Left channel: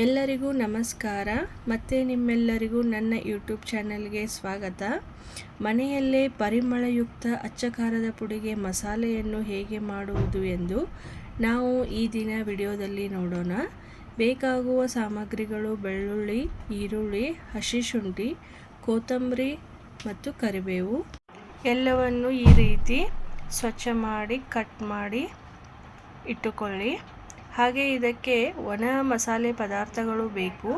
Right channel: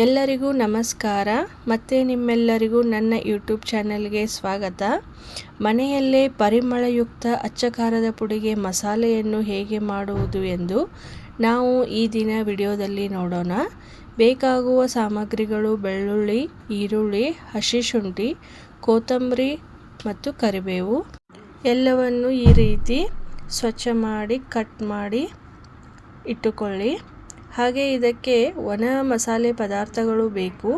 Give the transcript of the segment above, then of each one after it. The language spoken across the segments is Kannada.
ಎಲ್ಲರಿಗೂ ನಮಸ್ಕಾರ. ಮತ್ತೆ ನಿಮ್ಮೆಲ್ಲರಿಗೂ ನನ್ನ ಯೂಟ್ಯೂಬ್ ಚಾನಲ್ಗೆ ಸ್ವಾಗತ. ಮನೆಯಲ್ಲೇ ಪರಿಮಳಯುಕ್ತ ಅಚ್ಚ ಖಾರದ ಪುಡಿಗೆ ಮಸಾಲೆಯನ್ನು ಹೇಗೆ ಮಾಡುವುದು ಎಂದು ನಾವು ಈ ದಿನ ವಿಡಿಯೋದಲ್ಲಿ ನೋಡೋಣ. ಬೇಕಾಗುವ ಸಾಮಗ್ರಿಗಳು ಬೆಳ್ಳುಳ್ಳಿ, ಈರುಳ್ಳಿ, ಹಸಿ ಶುಂಠಿ, ಕೊತ್ತಂಬರಿ ಮತ್ತು ಕರಿಬೇವು. ಎಲ್ಲವನ್ನು ಈ ರೀತಿ ಸ್ವಚ್ಛ ಮಾಡಿ ಕಟ್ ಮಾಡಿ ಇಟ್ಟುಕೊಳ್ಳಿ. ಹಾಗೆ ಇದಕ್ಕೆ ಒಣ ಮಸಾಲೆ ಪದಾರ್ಥಗಳು ಬೇಕು.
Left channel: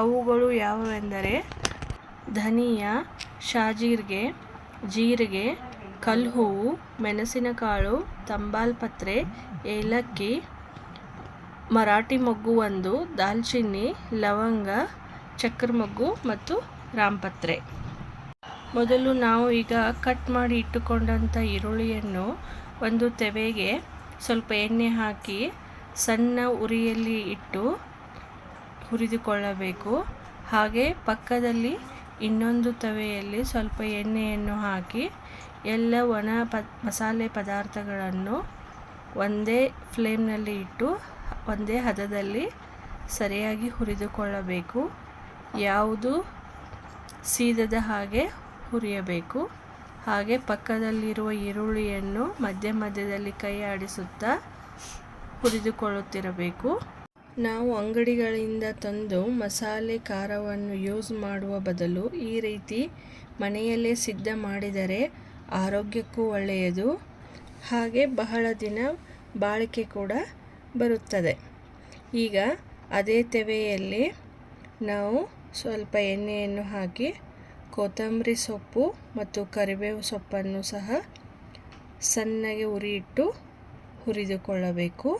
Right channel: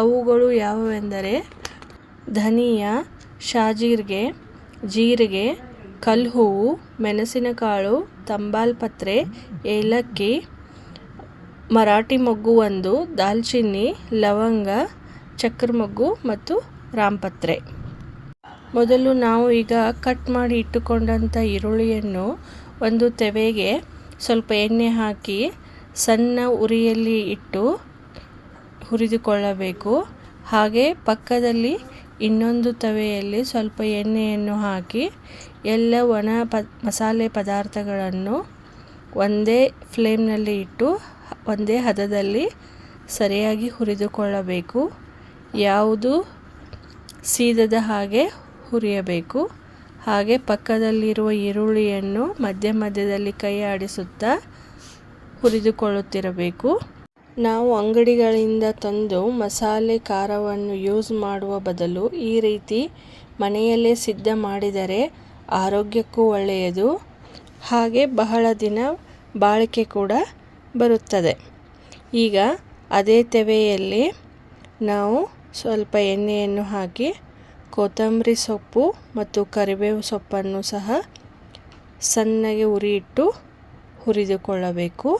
ಅವುಗಳು ಯಾವುವೆಂದರೆ ಧನಿಯಾ, ಶಾಜೀರಿಗೆ, ಜೀರಿಗೆ, ಕಲ್ಹೂವು, ಮೆಣಸಿನಕಾಳು, ತಂಬಾಲ್ಪತ್ರೆ, ಏಲಕ್ಕಿ, ಮರಾಠಿ ಮೊಗ್ಗು ಒಂದು, ದಾಲ್ಚಿನ್ನಿ, ಲವಂಗ, ಚಕ್ರ ಮೊಗ್ಗು ಮತ್ತು ರಾಮಪತ್ರೆ. ಮೊದಲು ನಾವು ಈಗ ಕಟ್ ಮಾಡಿ ಇಟ್ಟುಕೊಂಡಂಥ ಈರುಳ್ಳಿಯನ್ನು ಒಂದು ತೆವೆಗೆ ಸ್ವಲ್ಪ ಎಣ್ಣೆ ಹಾಕಿ ಸಣ್ಣ ಉರಿಯಲ್ಲಿ ಇಟ್ಟು ಹುರಿದುಕೊಳ್ಳಬೇಕು. ಹಾಗೆ ಪಕ್ಕದಲ್ಲಿ ಇನ್ನೊಂದು ತವೆಯಲ್ಲಿ ಸ್ವಲ್ಪ ಎಣ್ಣೆಯನ್ನು ಹಾಕಿ ಎಲ್ಲ ಒಣ ಮಸಾಲೆ ಪದಾರ್ಥಗಳನ್ನು ಒಂದೇ ಫ್ಲೇಮ್ನಲ್ಲಿ ಇಟ್ಟು ಒಂದೇ ಹದದಲ್ಲಿ ಸರಿಯಾಗಿ ಹುರಿದುಕೊಳ್ಳಬೇಕು. ಯಾವುದು ಸೀದದ ಹಾಗೆ ಹುರಿಯಬೇಕು. ಹಾಗೆ ಪಕ್ಕದಲ್ಲಿರುವ ಈರುಳ್ಳಿಯನ್ನು ಮಧ್ಯದಲ್ಲಿ ಕೈ ಆಡಿಸುತ್ತಾ ಹುರಿದುಕೊಳ್ಳುತ್ತಿರಬೇಕು. ನಾವು ಅಂಗಡಿಗಳಿಂದ ತಂದು ಮಸಾಲೆ ಖಾರವನ್ನು ಯೂಸ್ ಮಾಡುವ ಬದಲು ಈ ರೀತಿ ಮನೆಯಲ್ಲೇ ಸಿದ್ಧ ಮಾಡಿದರೆ ಆರೋಗ್ಯಕ್ಕೂ ಒಳ್ಳೆಯದು. ಹಾಗೆ ಬಹಳ ದಿನ ಬಾಳಿಕೆ ಕೂಡ ಬರುತ್ತದೆ. ಈಗ ಅದೇ ತೆವೆಯಲ್ಲಿ ನಾವು ಸ್ವಲ್ಪ ಎಣ್ಣೆಯನ್ನು ಹಾಕಿ ಕೊತ್ತಂಬರಿ ಸೊಪ್ಪು ಮತ್ತು ಕರಿಬೇವು ಸೊಪ್ಪನ್ನು ಸಹ ಸಣ್ಣಗೆ ಉರಿಯಿಟ್ಟು ಹುರಿದುಕೊಳ್ಳಬೇಕು.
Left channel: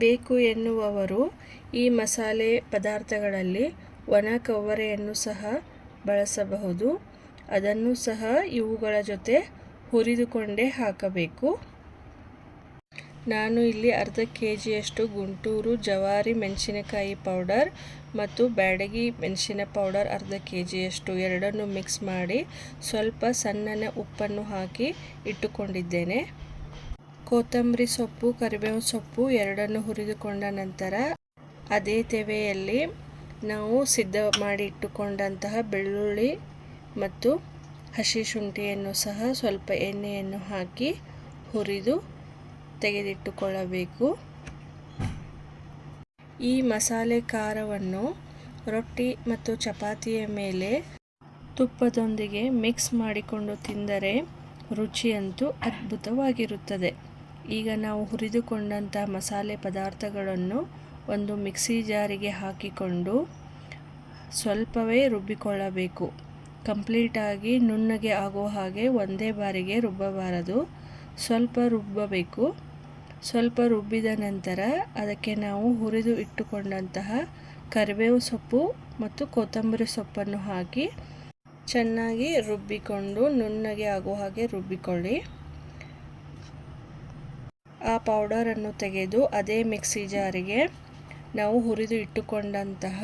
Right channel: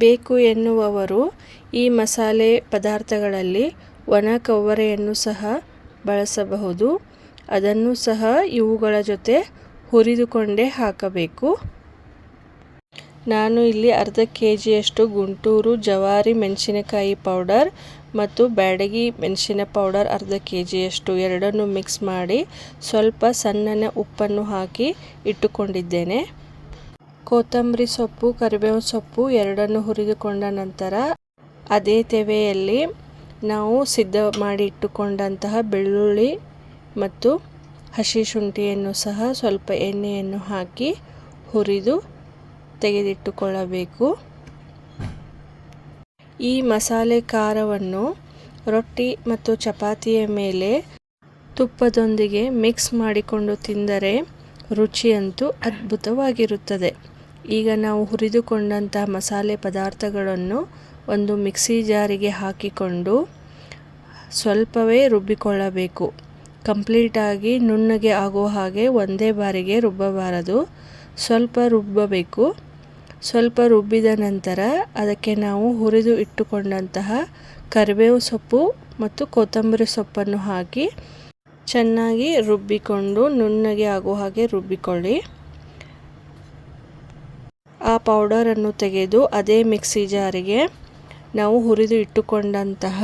ಬೇಕು ಎನ್ನುವವರು ಈ ಮಸಾಲೆ ಪದಾರ್ಥಗಳಲ್ಲಿ ಒಣ ಕೊಬ್ಬರಿಯನ್ನು ಸಹ ಬಳಸಬಹುದು. ಅದನ್ನು ಸಹ ಇವುಗಳ ಜೊತೆ ಹುರಿದುಕೊಂಡೇ ಹಾಕಬೇಕು. ನಾನು ಇಲ್ಲಿ ಅರ್ಧ ಕೆಜಿಯಷ್ಟು ಗುಂಟೂರು ಜವಾರಿ ಮೆಣಸಿನಕಾಯಿ ಪೌಡರ್ ಮತ್ತು ಬ್ಯಾಡಗಿ ಮೆಣಸಿನ ಪೌಡರ್ ಅರ್ಧ ಕೆಜಿಯಷ್ಟು ಎರಡನ್ನು ಮಿಕ್ಸ್ ಮಾಡಿ ಸ್ವಲ್ಪ ಸಣ್ಣ ಉಪ್ಪನ್ನು ಹಾಕಿ ಇಟ್ಟುಕೊಂಡಿದ್ದೇನೆ. ಕೊತ್ತಂಬರಿ ಸೊಪ್ಪು, ಕರಿಬೇವು ಸೊಪ್ಪು ಎರಡನ್ನು ಹುರಿದುಕೊಂಡ ನಂತರ ಅದೇ ತೆವೆಯಲ್ಲಿ ನಾವು ಸಿದ್ಧ ಮಾಡಿ ಇಟ್ಟುಕೊಂಡಂತಹ ಬೆಳ್ಳುಳ್ಳಿ ಮತ್ತು ಹಸಿ ಶುಂಠಿಯನ್ನು ಸಹ ಸ್ವಲ್ಪ ಎಣ್ಣೆಯನ್ನು ಹಾಕಿ ಹುರಿದು ತೆಗೆದಿಟ್ಟುಕೊಳ್ಳಬೇಕು. ಈ ಮಸಾಲೆ ಖಾರವನ್ನು ರೊಟ್ಟಿ ಮತ್ತು ಚಪಾತಿಯ ಮೇಲೆ ತುಪ್ಪದೊಂದಿಗೆ ಮಿಕ್ಸ್ ಮಾಡಿಕೊಂಡು ತಿಂದರೆ ರುಚಿಯಂತೂ ಅದ್ಭುತವಾಗಿರುತ್ತದೆ. ಈಗ ನಾವು ಹುರಿದುಕೊಂಡಂತಹ ಮಸಾಲೆ ಪದಾರ್ಥಗಳನ್ನು ಒಂದು ಮಿಕ್ಸಿ ಜಾರಿಗೆ ಹಾಕಿಕೊಂಡು ಸ್ವಲ್ಪವೇ ರುಬ್ಬಿಕೊಳ್ಳಬೇಕು. ಕಂಪ್ಲೀಟಾಗಿ ನುಣ್ಣಗೆ ಆಗುವ ಹಾಗೆ ಒಂದೇ ಬಾರಿಗೆ ರುಬ್ಬಬಾರದು, ಸ್ವಲ್ಪ ರುಬ್ಬಬೇಕು. ಸ್ವಲ್ಪ ರುಬ್ಬಿದ ನಂತರ ಅದಕ್ಕೆ ನಾವು ಹುರಿದು ಇಟ್ಟುಕೊಂಡಂತಹ ಕರಿಬೇವು ಸೊಪ್ಪು ಮತ್ತು ಕೊತ್ತಂಬರಿ ಸೊಪ್ಪನ್ನು ಹಾಕಿ ಚೆನ್ನಾಗಿ ರುಬ್ಬಿಕೊಂಡು ನುಣ್ಣಗೆ ಆಗುವ ಹಾಗೆ ರುಬ್ಬಿಕೊಳ್ಳಿ. ಆ ಪೌಡರನ್ನು ತೆಗೆದು ಅದೇ ಮಿಕ್ಸಿ ಜಾರಿಗೆ ನಾವು ಹುರಿದು ಇಟ್ಟುಕೊಂಡಂತಹ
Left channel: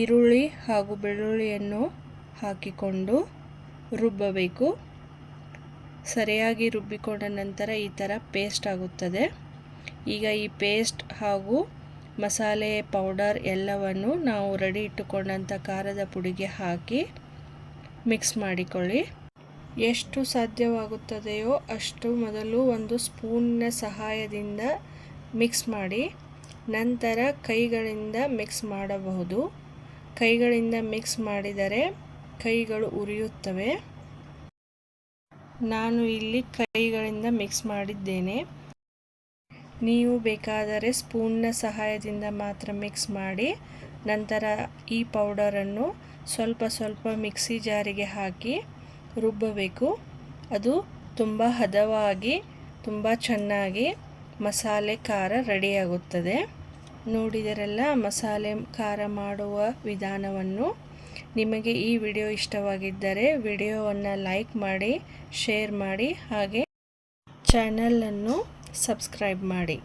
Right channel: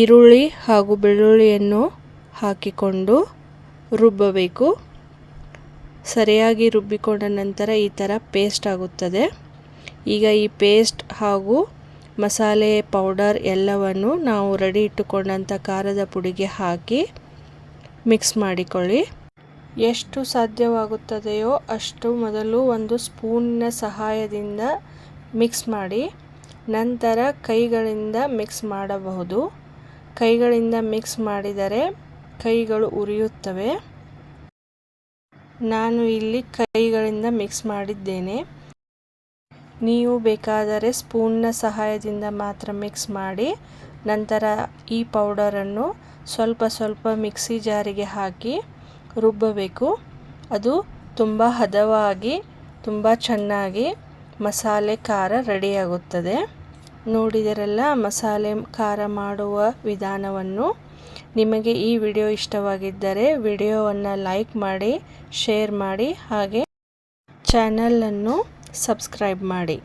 ಈರುಳ್ಳಿ ಹಾಗೂ ಬೆಳ್ಳುಳ್ಳಿಯನ್ನು ಹಾಕಿಕೊಂಡು ರುಬ್ಬಬೇಕು. ಸರಿಯಾಗಿ ರುಬ್ಬಿಕೊಂಡ ನಂತರ ಈ ಥರ ಪೇಸ್ಟ್ ಆಗುತ್ತದೆ. ಈಗ ಈ ಪೇಸ್ಟ್ ಹಾಗೂ ಮಸಾಲೆ ಪೌಡರ್ ಎಲ್ಲವನ್ನು ನಾವು ರೆಡಿ ಇಟ್ಟುಕೊಂಡಂಥ ಖಾರದ ಪುಡಿಗೆ ಹಾಕಿ ಮಿಕ್ಸ್ ಮಾಡಿಕೊಳ್ಳಿ. ಎಷ್ಟು ಸಾಧ್ಯವಾಗುತ್ತದೆಯೋ ಅಷ್ಟು ಮೊದಲು ಒಂದು ಸ್ಪೂನಿನ ಸಹಾಯದಿಂದ ಮಿಕ್ಸ್ ಮಾಡಿ, ನಂತರ ಕೈಗಳಿಂದ ಮಿಕ್ಸ್ ಮಾಡಬಹುದು. ಕೈಗಳಿಂದ ಮಿಕ್ಸ್ ಮಾಡಿದರೆ ಕೈಗಳು ಉರಿಯುತ್ತವೆ. ನಾನು ಇಲ್ಲಿ ಕೈಗಳಿಂದ ಮಿಕ್ಸ್ ಮಾಡಿದ್ದೇನೆ. ನೀವು ಬೇಕಾದರೆ ಸ್ಪೂನ್ನ ಸಹಾಯದಿಂದ ಮಾತ್ರ ಮಿಕ್ಸ್ ಮಾಡಿ ನಂತರ ಈ ಪೌಡರನ್ನು ಸ್ವಲ್ಪ ಸ್ವಲ್ಪ ಮಿಕ್ಸಿ ಜಾರಿಗೆ ಹಾಕಿ ರುಬ್ಬಬೇಕು. ಅದು ತುಂಬ ಹದವಾಗಿ ತುಂಬ ಚೆನ್ನಾಗಿ ಮಸಾಲೆ ಖಾರ ರೆಡಿಯಾಗುತ್ತದೆ. ನೋಡಿದರೆಲ್ಲ ಮಸಾಲೆ ಖಾರ ಮಾಡುವ ವಿಧಾನವನ್ನು. ನಿಮಗೆ ಈ ವಿಡಿಯೋ ಇಷ್ಟವಾಗಿದ್ದರೆ ವಿಡಿಯೋವನ್ನು ಲೈಕ್ ಮಾಡಿ, ಶೇರ್ ಮಾಡಿ, ಹಾಗೆ ಚಾನಲನ್ನು ಸಬ್ಸ್ಕ್ರೈಬ್ ಮಾಡಿ.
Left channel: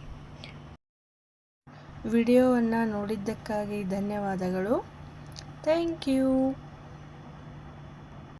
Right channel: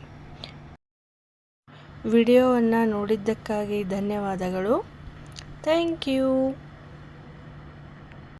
ವಿಡಿಯೋವನ್ನು ನೋಡಿದ್ದಕ್ಕಾಗಿ ಧನ್ಯವಾದಗಳು. Thank you.